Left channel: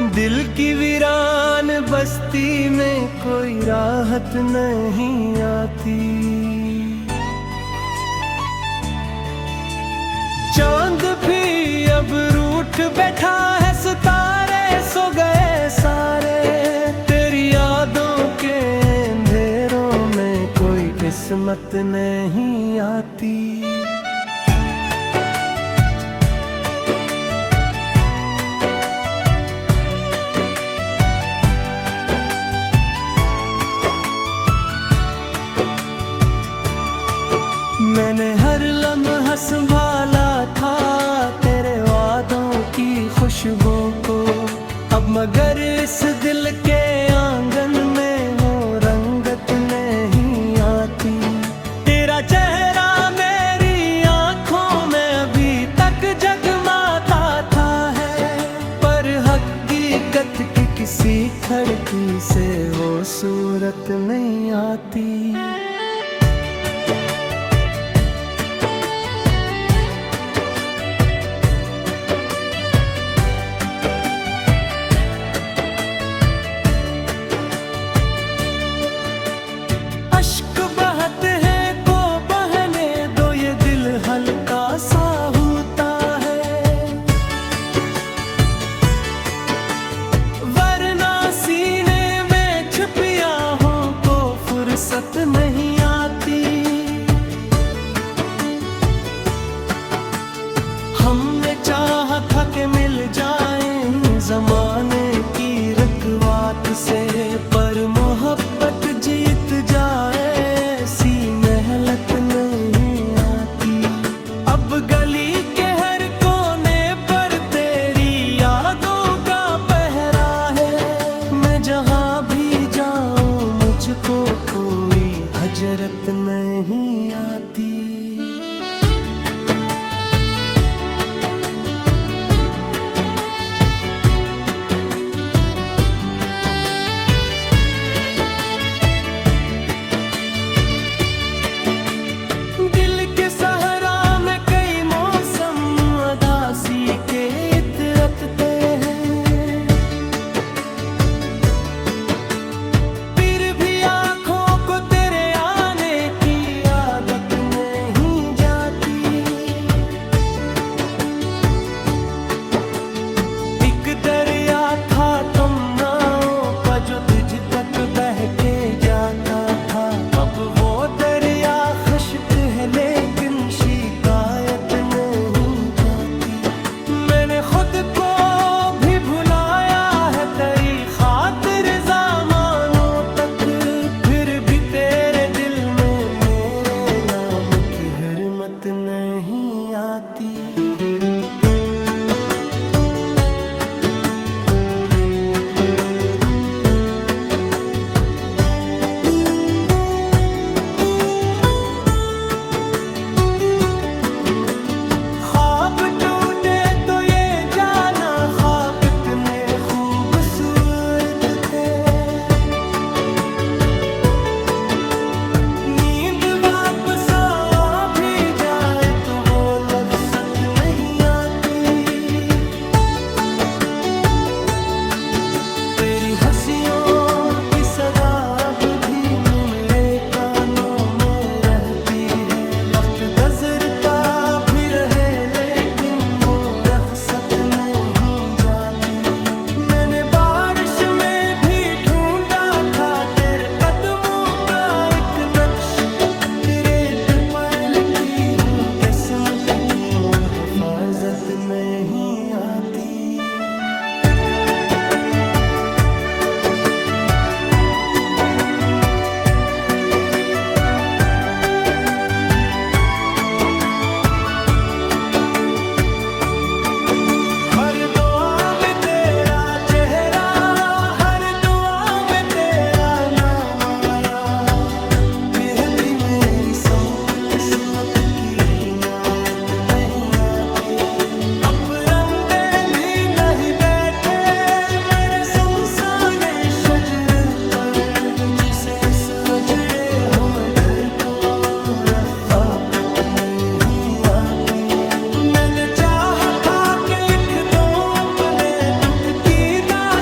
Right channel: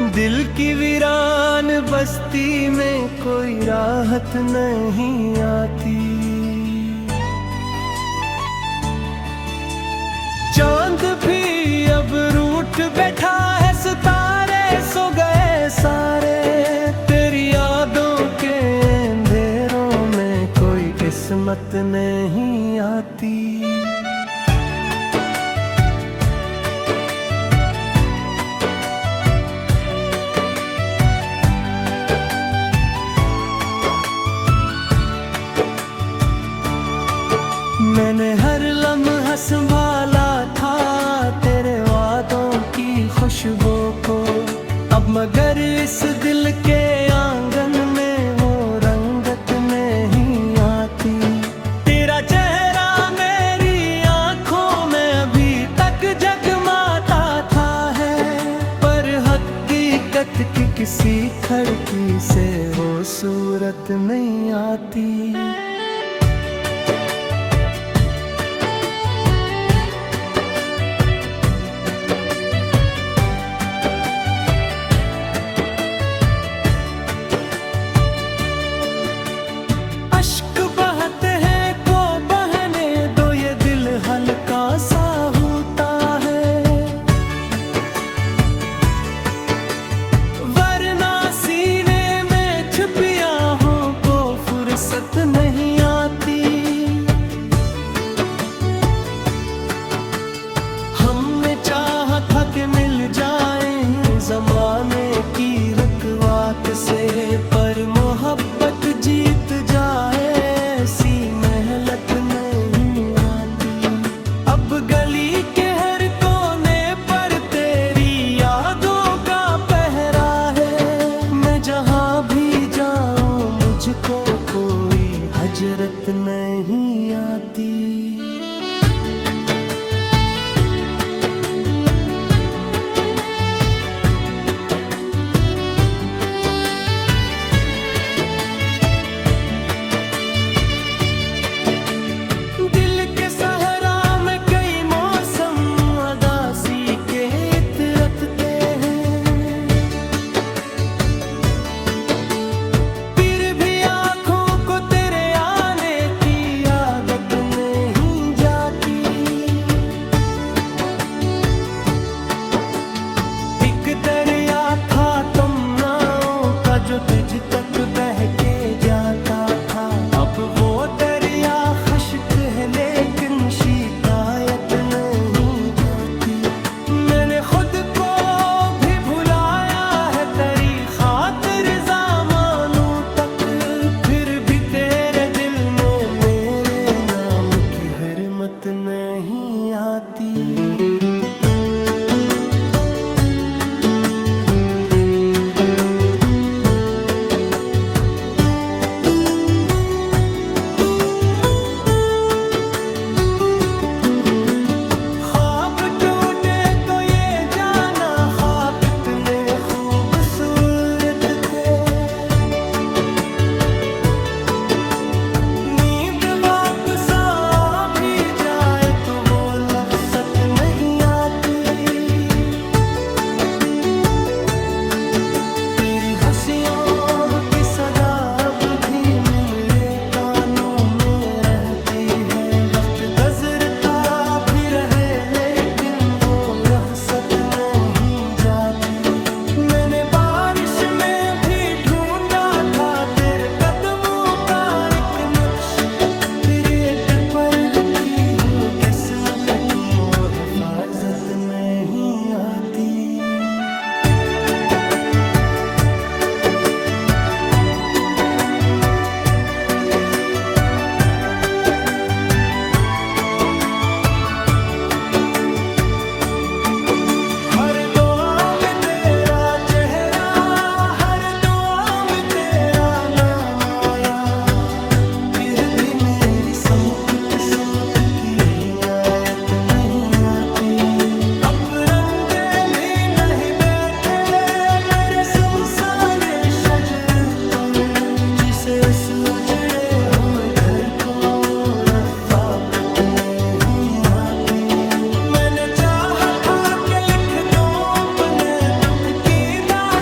दिल की वीरान बस्ती में कोई राहत नहीं आती। चांद भी अब रूठ बैठा है, सितारे सो गए सारे। तेरी यादों के अंधेरों में कोई किस्मत नहीं आती। मैंने हर लम्हा संभाला था तेरे वादों की खुशबू को, अब मगर इस दिल के आंगन में वो रंगत नहीं आती। तेरा चेहरा मेरी आंखों में अभी तक जगमाता था है, पर हकीकत की किसी खिड़की से वो सूरत नहीं आती। अश्क बहते हैं को बहने दो, ये दिल हल्का सा होता है, वरना सीने में छुपी आहों को फुर्सत नहीं आती। हमने चाहा था कि मिल जाएं ज़माने की रकवात से, पर मोहब्बत जीत जाए ऐसी मेहनत नहीं आती। अब गली के हर कोने पर तेरी यादों का पहरा है, मैं जहाँ भी जाऊँ मुझको कोई हजरत नहीं आती। दिल के सहरा में कई मौसम उदासी के इतरते हैं, फिर भी आँखों को तेरे आने की आदत नहीं जाती। एक दरिया था तुमनाओं का जो तुझ तक बह के जाता था, अब वो दरिया खश्क है लेकिन शिकायत नहीं जाती। मैंने खुद को भी भुलाया है तेरी खातिर ज़मानों तक, फिर भी तेरे दिल में मेरे नाम की हरमत नहीं आती। खूबसूरत थे नींद वापस आ भी जाए तो वो लज्जत नहीं आती। तेरी हंसियों की सदा अब भी मेरे कानों में रहती है, वक्त गुजरता भी रहे लेकिन वो रहसत नहीं जाती। मैंने बारिश में भी ढूंढा था तेरे कदमों का एक नक्श, रेत पर लिखी हुई किस्मत को हिफाजत नहीं आती। हर दुआ में तेरा चेहरा, हर दुआ में तेरा नाम आया, फिर भी मेरी समत किस्मत की इनायत नहीं आती। अब परिंदे भी नहीं बैठे मेरे सुनसान शजर पर, जिसे सजड़े हुए घर को रफाकत नहीं आती। मैंने चाहा था कि लिख दूं अपने दुख की दास्तां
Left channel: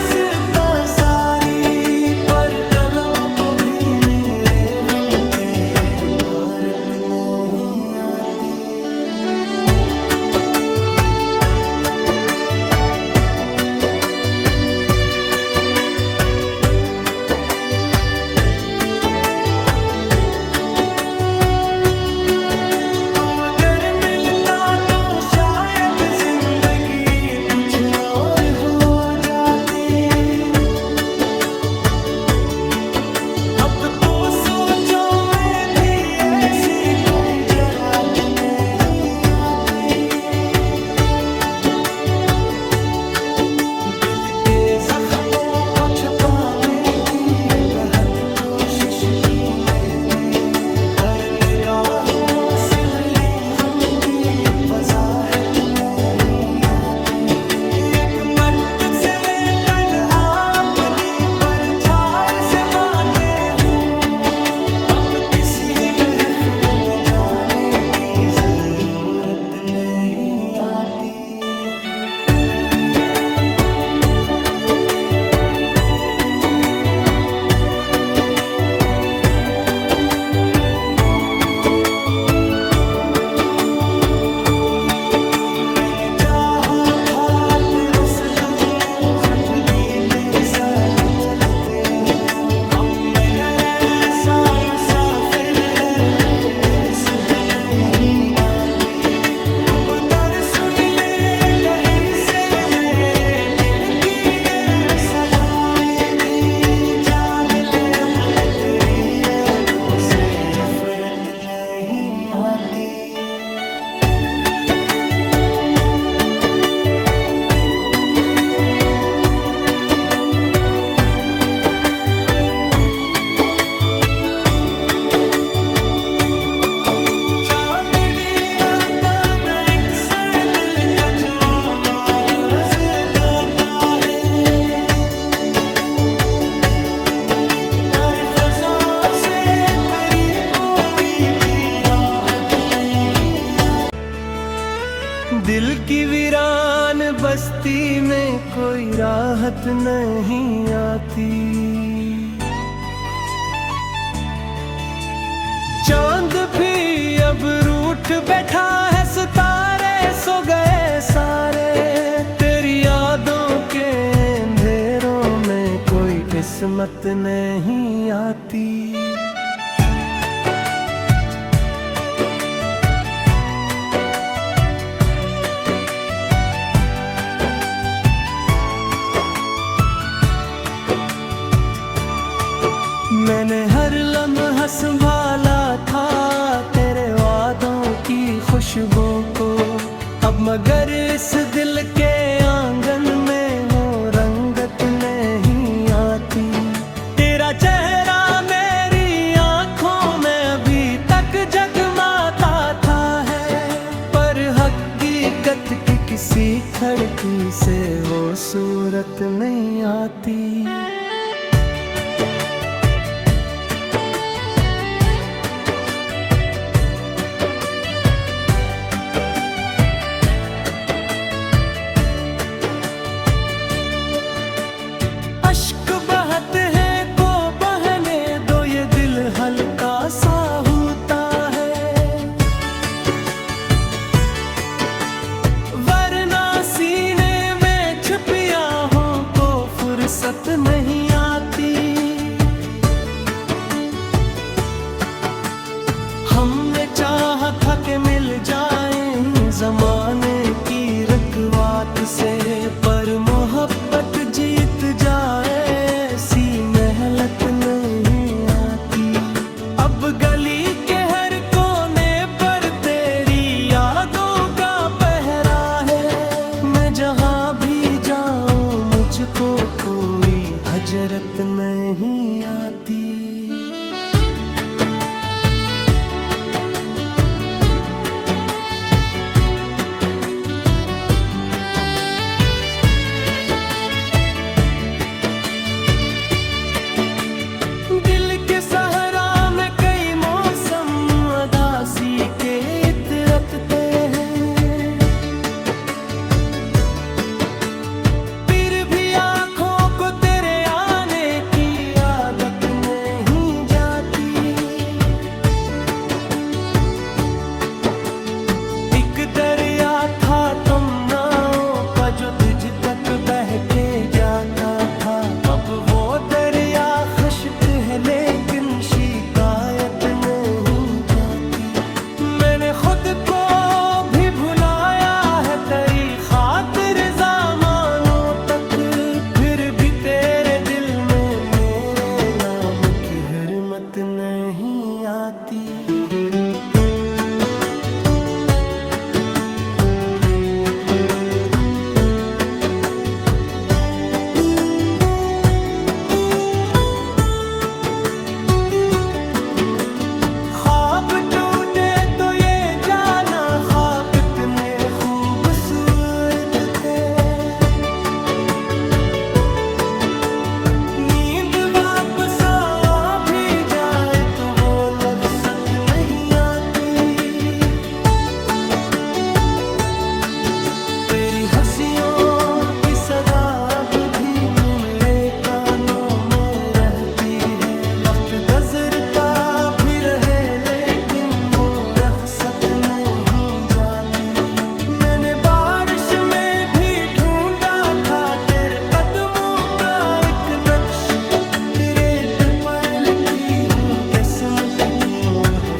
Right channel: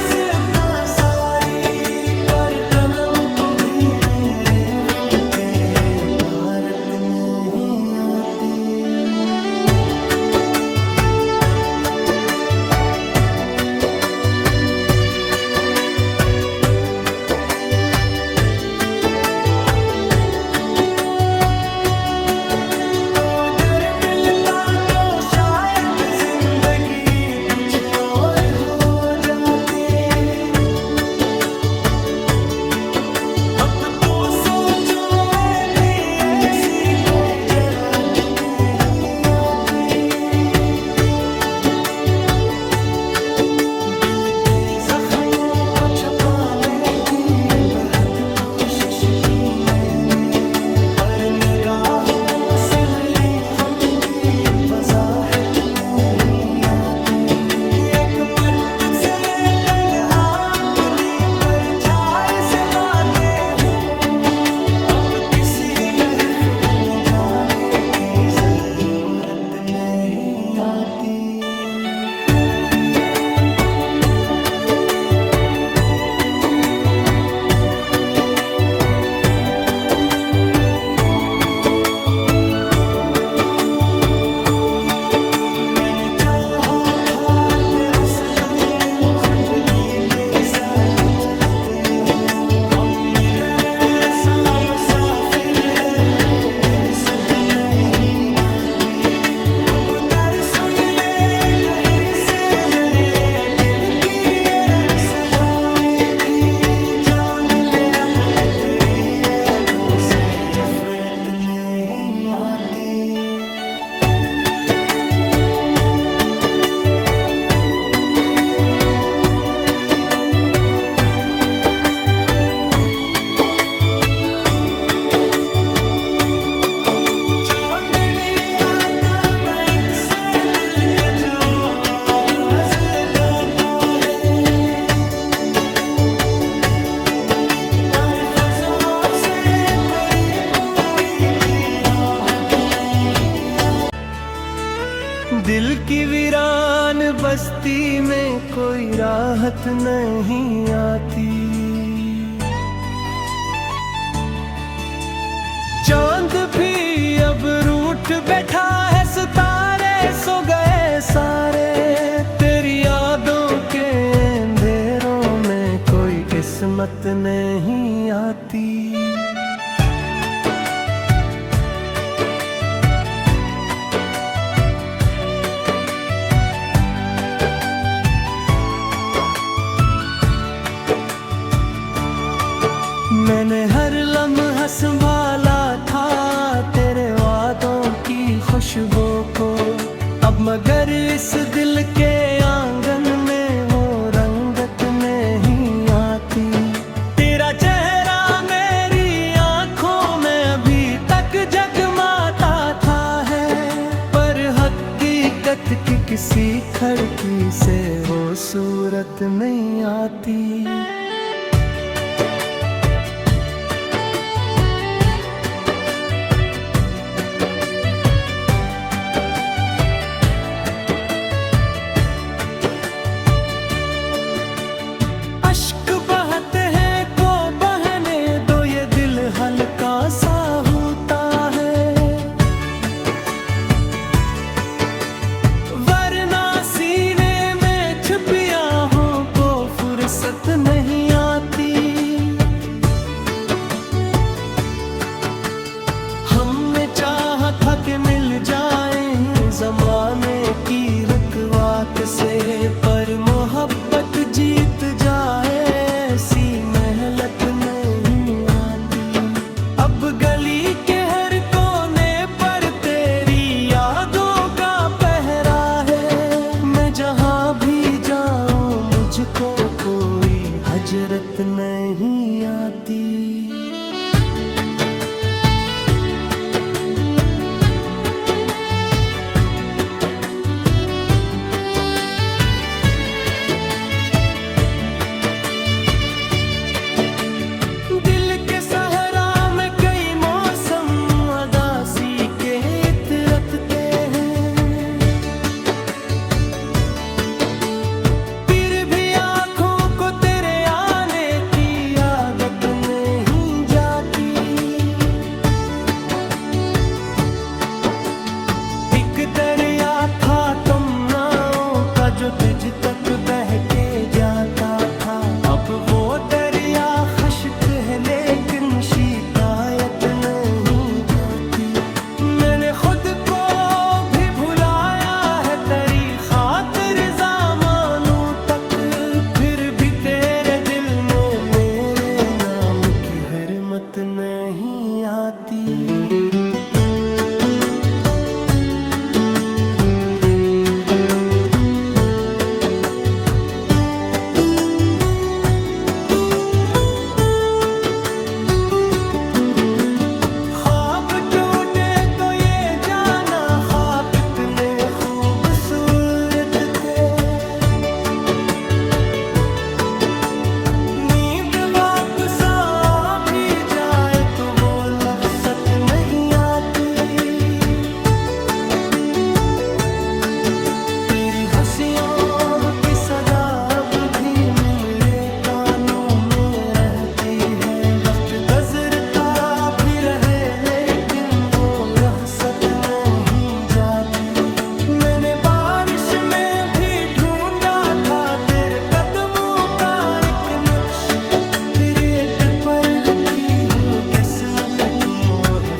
और हो जाती। अब तो सोचो में भी ऐसी कोई जरात नहीं आती। दिल के जख्मों को छुपाने की बहुत कोशिश की मैंने, पर निगाहों से मेरी गम की वजाहत नहीं आती। एक मदद से मैं तन अपनी परछाई से बातें हूँ। अब किसी महफिल में जाने की जरूरत नहीं आती। मैंने चाहा था ते उस तुम जिंदगी ते साथ चलते हो। हम में डरे साम मुसाफिर है तेरे इज्जत नहीं आती। अब दर सुन ले कहीं से मेरे दिल की ये सवारे भी, जान ले अब कितनी अबू से नफरत नहीं आती। चांदनी राता न एक सर दिल का जो नजर गाता है। हर फजा से मेरी कोई भी राहत नहीं आती। दिल की वीरान बस्ती में कोई राहत नहीं आती। चांद भी अब रूठ बैठा है, सितारे सो गए सारे। तेरी यादों के अंधेरों में कोई किस्मत नहीं आती। मैंने हर लम्हा संभाला था तेरे वादों की खुशबू को। अब मगर इस दिल के आंगन में वो रंगत नहीं आती। तेरा चेहरा मेरी आंखों में अभी तक जगमाता था है, पर हकीकत की किसी खिड़की से वो सूरत नहीं आती। अश्क बहते हैं को बहने दो, ये दिल हल्का सा होता है। वरना सीने में छिपी आहों को फुर्सत नहीं आती। हमने चाहा था कि मिल जाएं जमाने की रकवात से, पर मोहब्बत जीत जाए ऐसी मेहनत नहीं आती। अब गली के हर कोने पर तेरी यादों का पहरा है। मैं जहाँ भी जाऊँ मुझको कोई हजरत नहीं आती। दिल के सहरा में कई मौसम उदासी के इतरतते हैं, फिर भी आँखों को तेरे आने की आदत नहीं जाती। एक दरिया था तुम नाव का जो तुझ तक बह के जाता था। अब वो दरिया खश्क है लेकिन शिकायत नहीं आती। मैंने खुद को भी भुलाया है तेरी खातिर ज़माने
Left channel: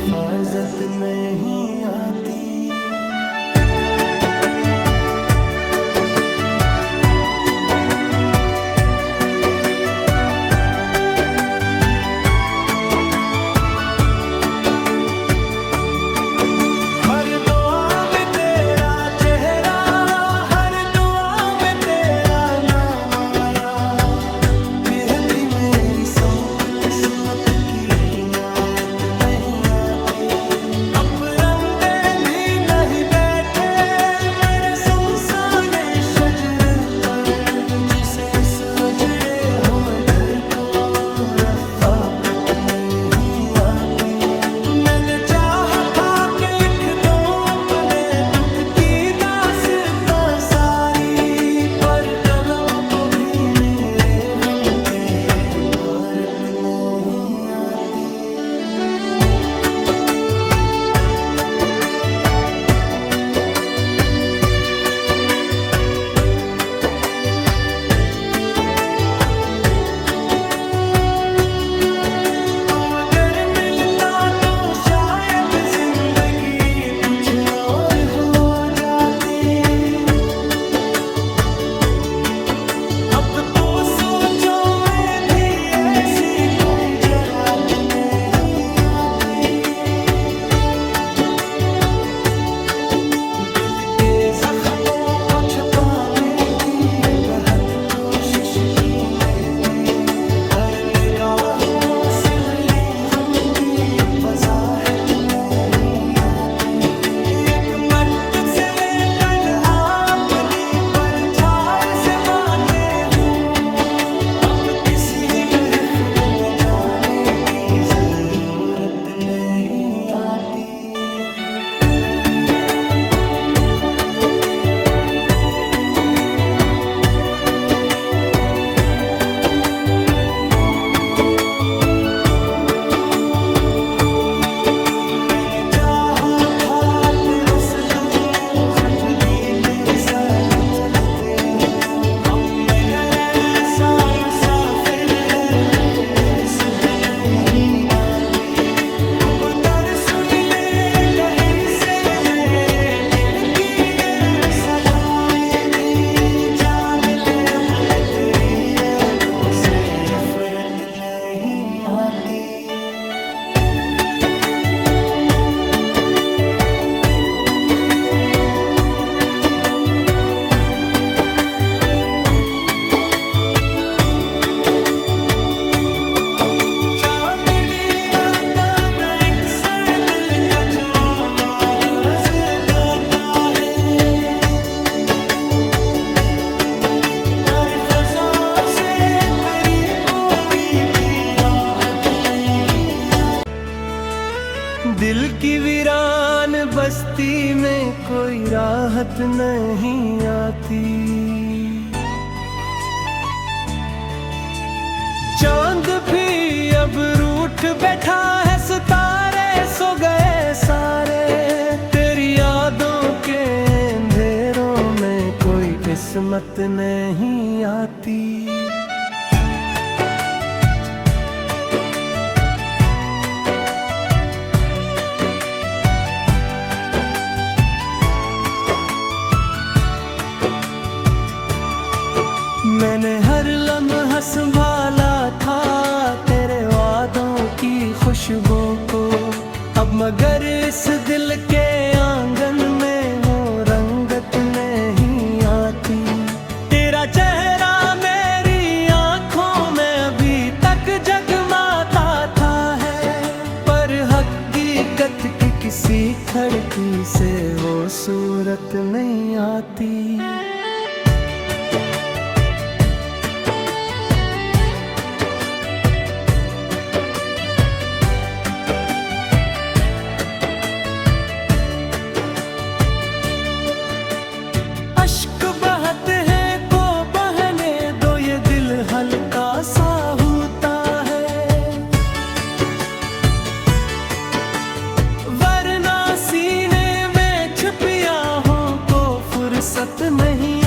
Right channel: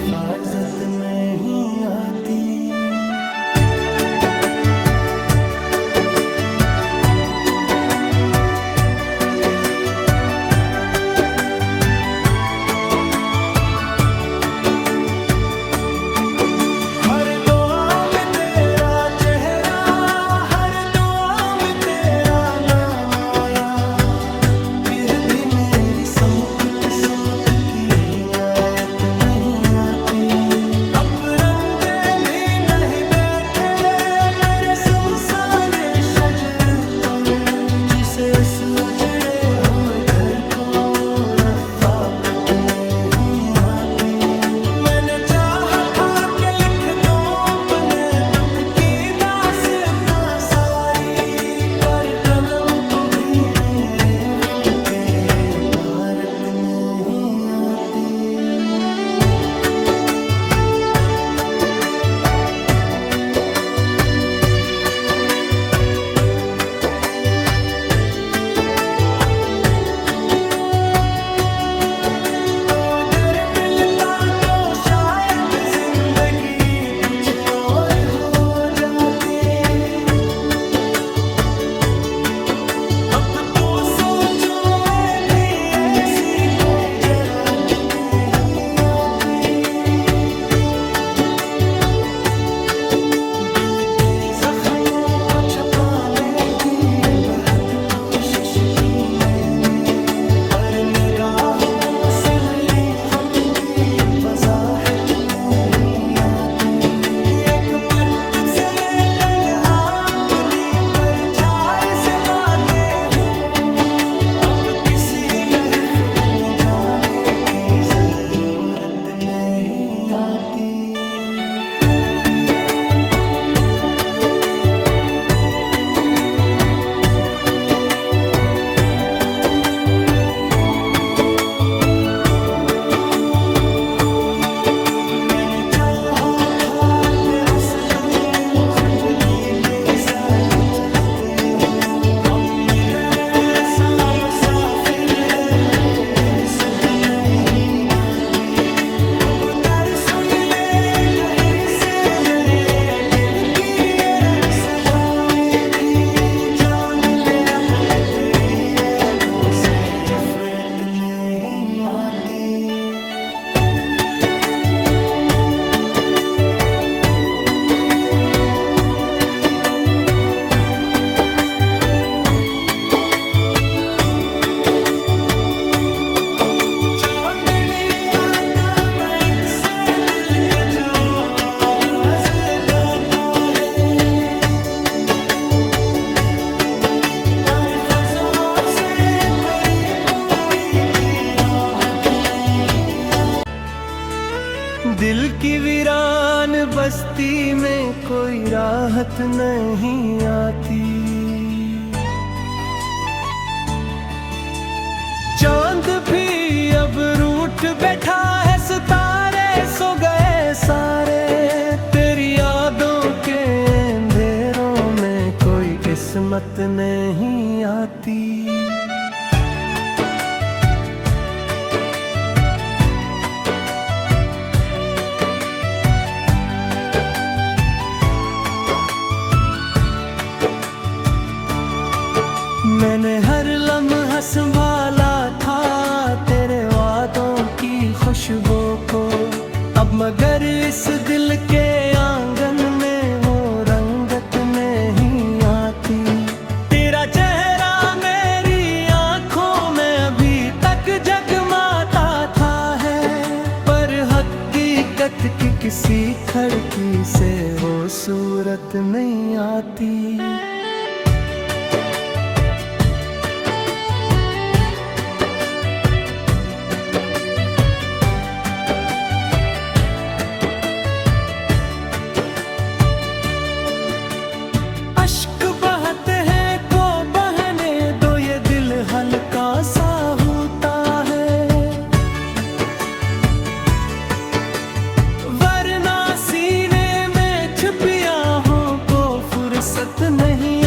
हिफाजत नहीं आती। हर दुआ में तेरा चेहरा, हर दुआ में तेरा नाम आया, फिर भी मेरी समक किस्मत की इनायत नहीं आती। अब परिंदे भी नहीं बैठे मेरे सुनसान शजर पर, जिसे सजड़े हुए घर को रफ़ाकत नहीं आती। मैंने चाहा था कि लिख दो अपने दुख की दास्तां सारी, पर कलम को भी मेरे गम की इबारत नहीं आती। कुछ और हो जाती। अब तो सोचो मैं भी ऐसी कोई जरा तो नहीं आती। दिल के जख्मों को छुपाने की बेहद कोशिश की मैंने, पर निगाहों से मेरी गम की वजाहत नहीं आती। एक मदद से मैं तन अपनी परछाई से बातें हूँ, अब किसी महफिल में जाने की जरूरत नहीं आती। मैंने चाहा था ते उस तुम जिंदगी के साथ चलते हो, हम मगर ऐसा मुसाफिर है कोई इज्जत नहीं आती। अब दर सुन ले कहीं से मेरे दिल की ये सवारे थी, जान ले अब तेरी अबू से नफरत नहीं आती। दिल की वीरान बस्ती में कोई राहत नहीं आती। चांद भी अब रूठ बैठा है, सितारे सो गए सारे, तेरी यादों के अंधेरों में कोई किस्मत नहीं आती। मैंने हर लम्हा संभाला था तेरे वादों की खुशबू को, अब मगर इस दिल के आंगन में वो रंगत नहीं आती। तेरा चेहरा मेरी आंखों में अभी तक जगमाता था है, पर हकीकत की किसी खिड़की से वो सूरत नहीं आती। हल्का सा होता है, वरना सीने में छुपिया हो को फुर्सत नहीं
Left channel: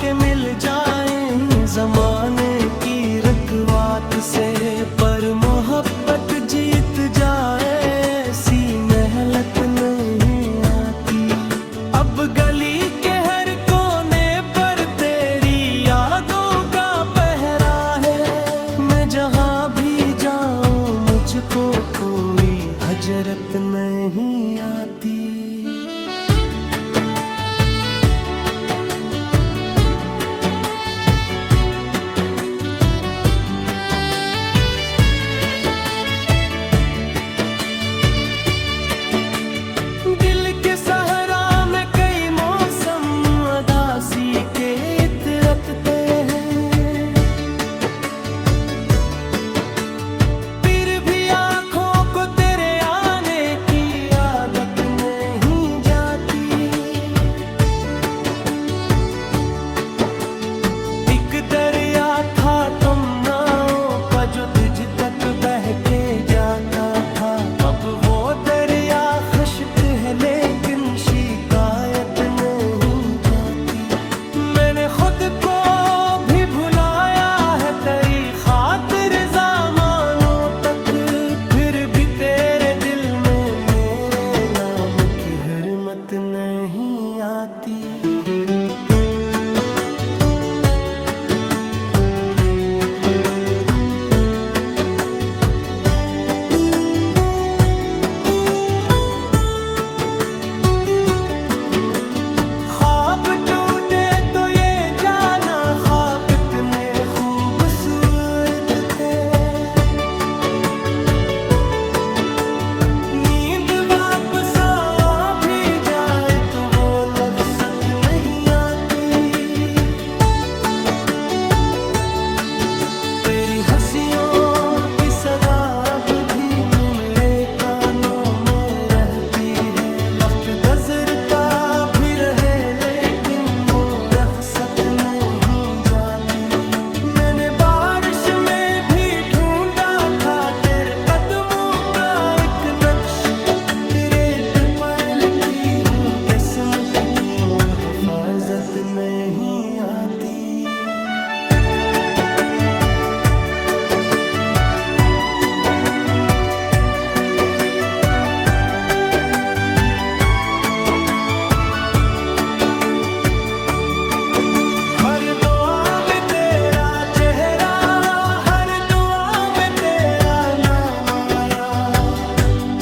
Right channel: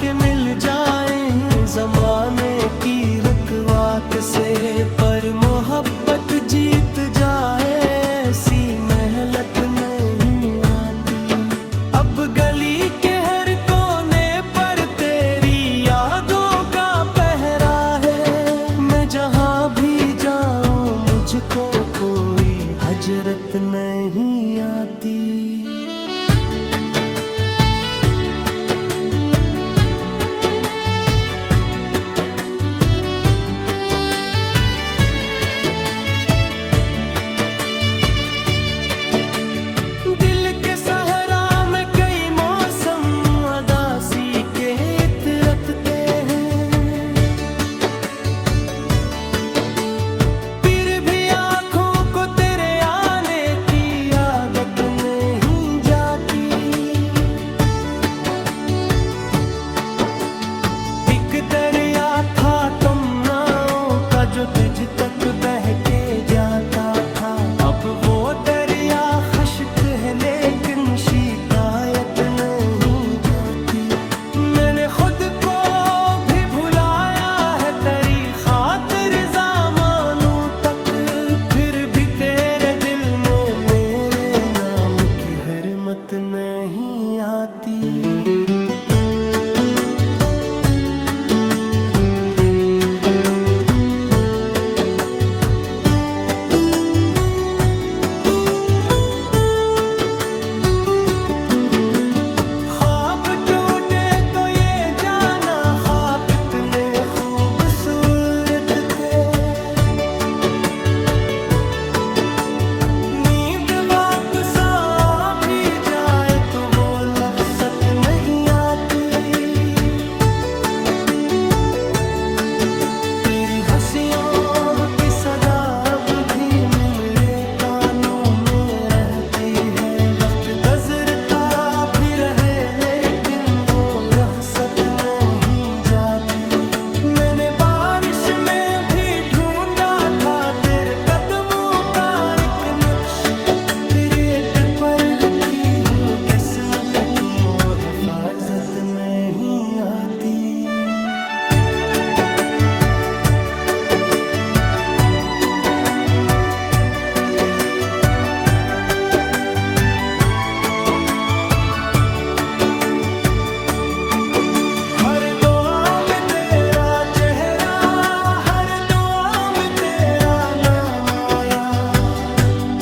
के मिल जाएं जमाने की रकवात से, पर मोहब्बत जीत जाए ऐसी मेहनत नहीं आती। अब गली के हर कोने पर तेरी यादों का पहरा है, मैं जहाँ भी जाऊँ मुझको कोई हजरत नहीं आती। दिल के सहरा में कई मौसम उदासी के इतरते हैं, फिर भी आँखों को तेरे आने की आदत नहीं जाती। एक दरिया था तमन्नाओं का जो तुझ तक बह के जाता था, अब वो दरिया खश्क है लेकिन शिकायत नहीं जाती। मैंने खुद को भी भुलाया है तेरी खातिर ज़मानों तक, फिर भी तेरे दिल में मेरे नाम की हिरमत नहीं आती। कितने खूबसूरत थे, नींद वापस आ भी जाए तो वो लफ्ज़त नहीं आती। तेरी हंसियों की सदा अब भी मेरे कानों में रहती है, वक्त गुज़रता भी रहे लेकिन वो रफ़्सत नहीं जाती। मैंने बारिश में भी ढूंढा था तेरे कदमों का एक नक्श, रेत पर लिखी हुई किस्मत को हिफाजत नहीं आती। हर दुआ में तेरा चेहरा, हर दुआ में तेरा नाम आया,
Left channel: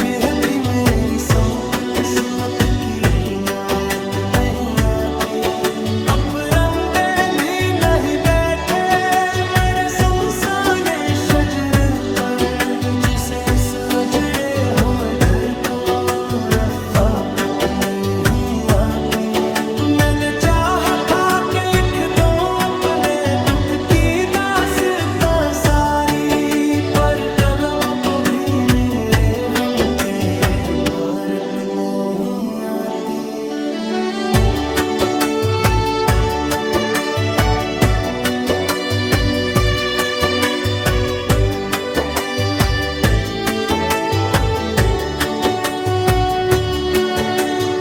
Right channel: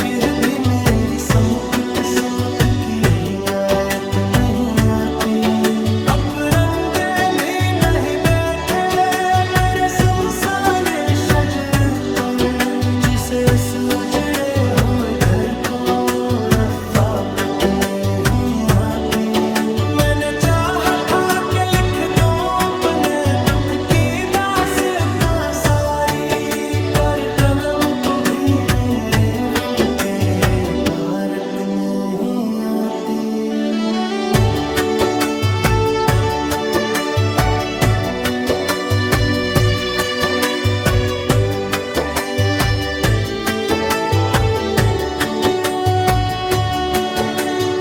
फिर भी मेरी समक किस्मत की इनायत नहीं आती। अब परिंदे भी नहीं बैठे मेरे सुनसाने शजर पर, जिसे सजड़े हुए घर को रफ़ाकत नहीं आती। मैंने चाहा था कि लिख दूं अपने दुख की दास्तां सारी, पर कलम को भी मेरे गम के इबारत नहीं आती।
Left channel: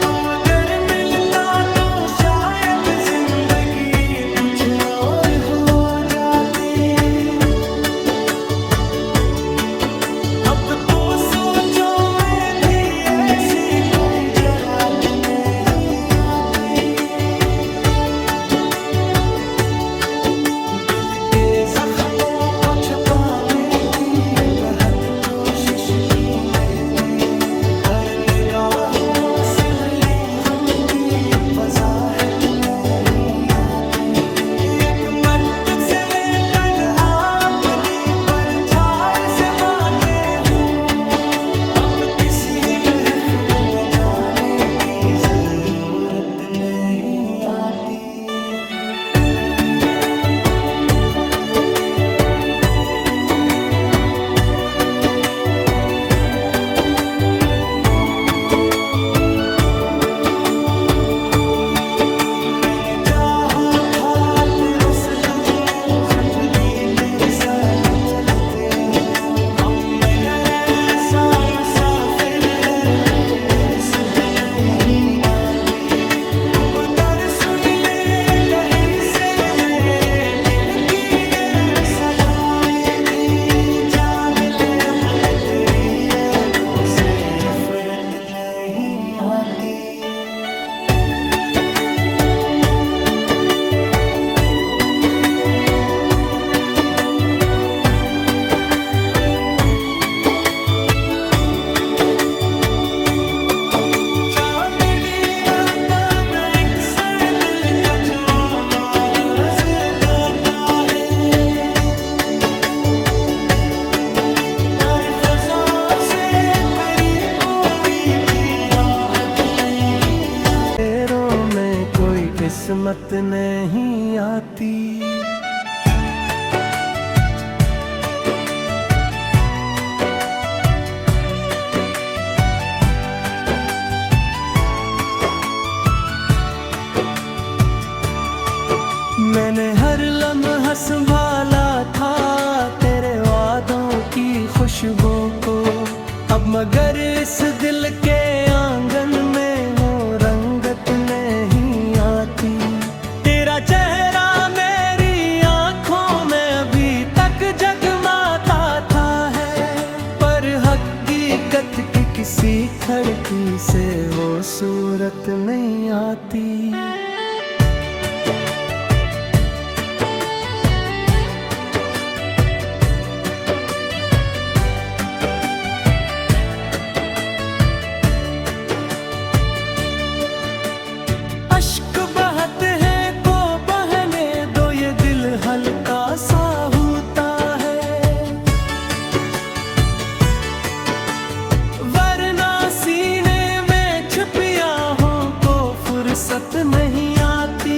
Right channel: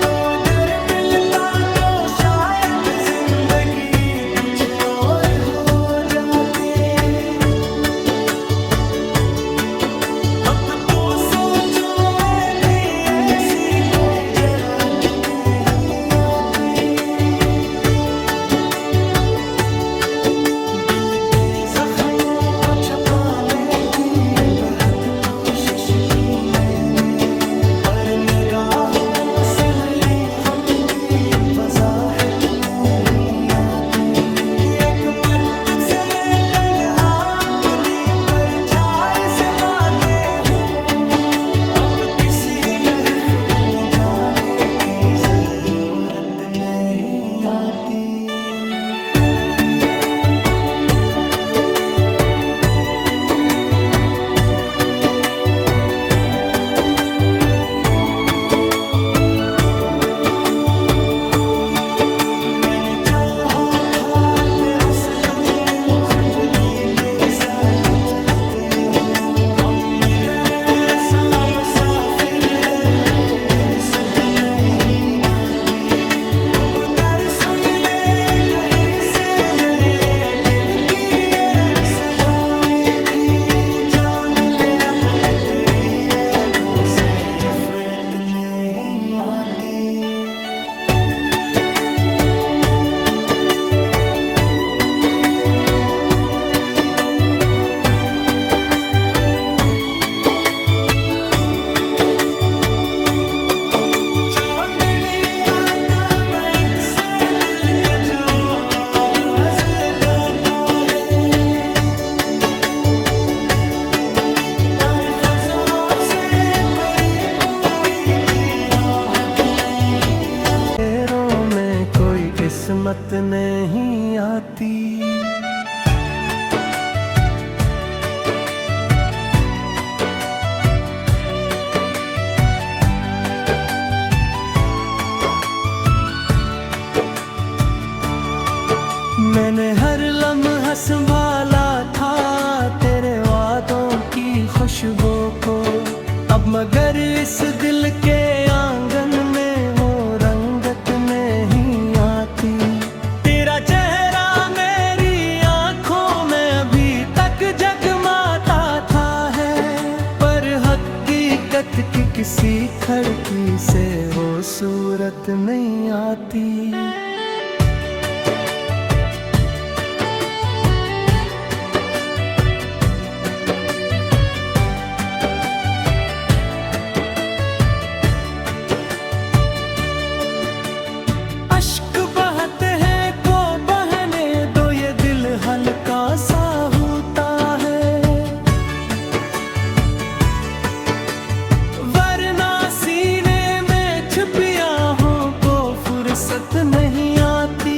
तो अगर मिलता तो शायद जिंदगी कुछ और हो जाती। अब तो सोचो में भी ऐसी कोई जरा तो नहीं आती। दिल के जख्मों को छुपाने की बहुत कोशिश की मैंने, पर निगाहों से मेरी गम की वजाहत नहीं आती। एक मदद से मैं तन अपनी परछाई से बातें हूँ, अब किसी महफिल में जाने की जरूरत नहीं आती। मैंने चाहा था तेरे उस तुम जिंदगी ते साथ चलते हो, हम में करे सामने मुसाफिर है तेरे इज्जत नहीं आती। खूब दर सुन ले कहीं से मेरे दिल की ये सवारे भी, जान ले अब तेरी अबू से नफरत नहीं आती। चांदनी आता न एक सर दिल का जो आवाज गाता है, हर फजा से मेरी कोई भी राहत नहीं आती, तेरों में कोई किस्मत नहीं आती। मैंने हर लम्हा संभाला था तेरे वादों की खुशबू को, अब मगर इस दिल के आंगन में वो रंगत नहीं आती। तेरा चेहरा मेरी आंखों में अभी तक जगमाता था है, पर हकीकत की किसी खिड़की से वो सूरत नहीं आती। अश्क बहते हैं को बहने दो, ये दिल हल्का सा होता है, वरना सीने में छुपी आहों को फुर्सत नहीं आती।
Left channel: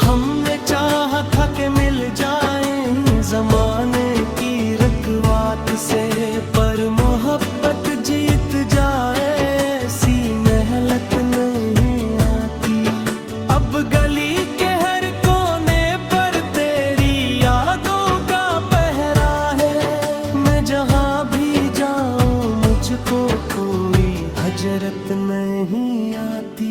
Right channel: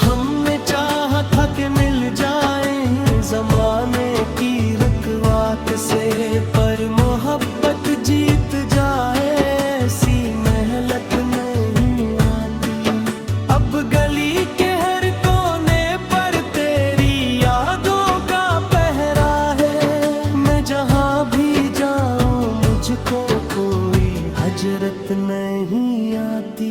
हमने चाहा था कि मिल जाएं ज़माने की रकवात से, पर मोहब्बत जीत जाए ऐसी मेहनत नहीं आती। अब गली के हर कोने पर तेरी यादों का पहरा है, मैं जहाँ भी जाऊँ मुझको कोई हजरत नहीं आती।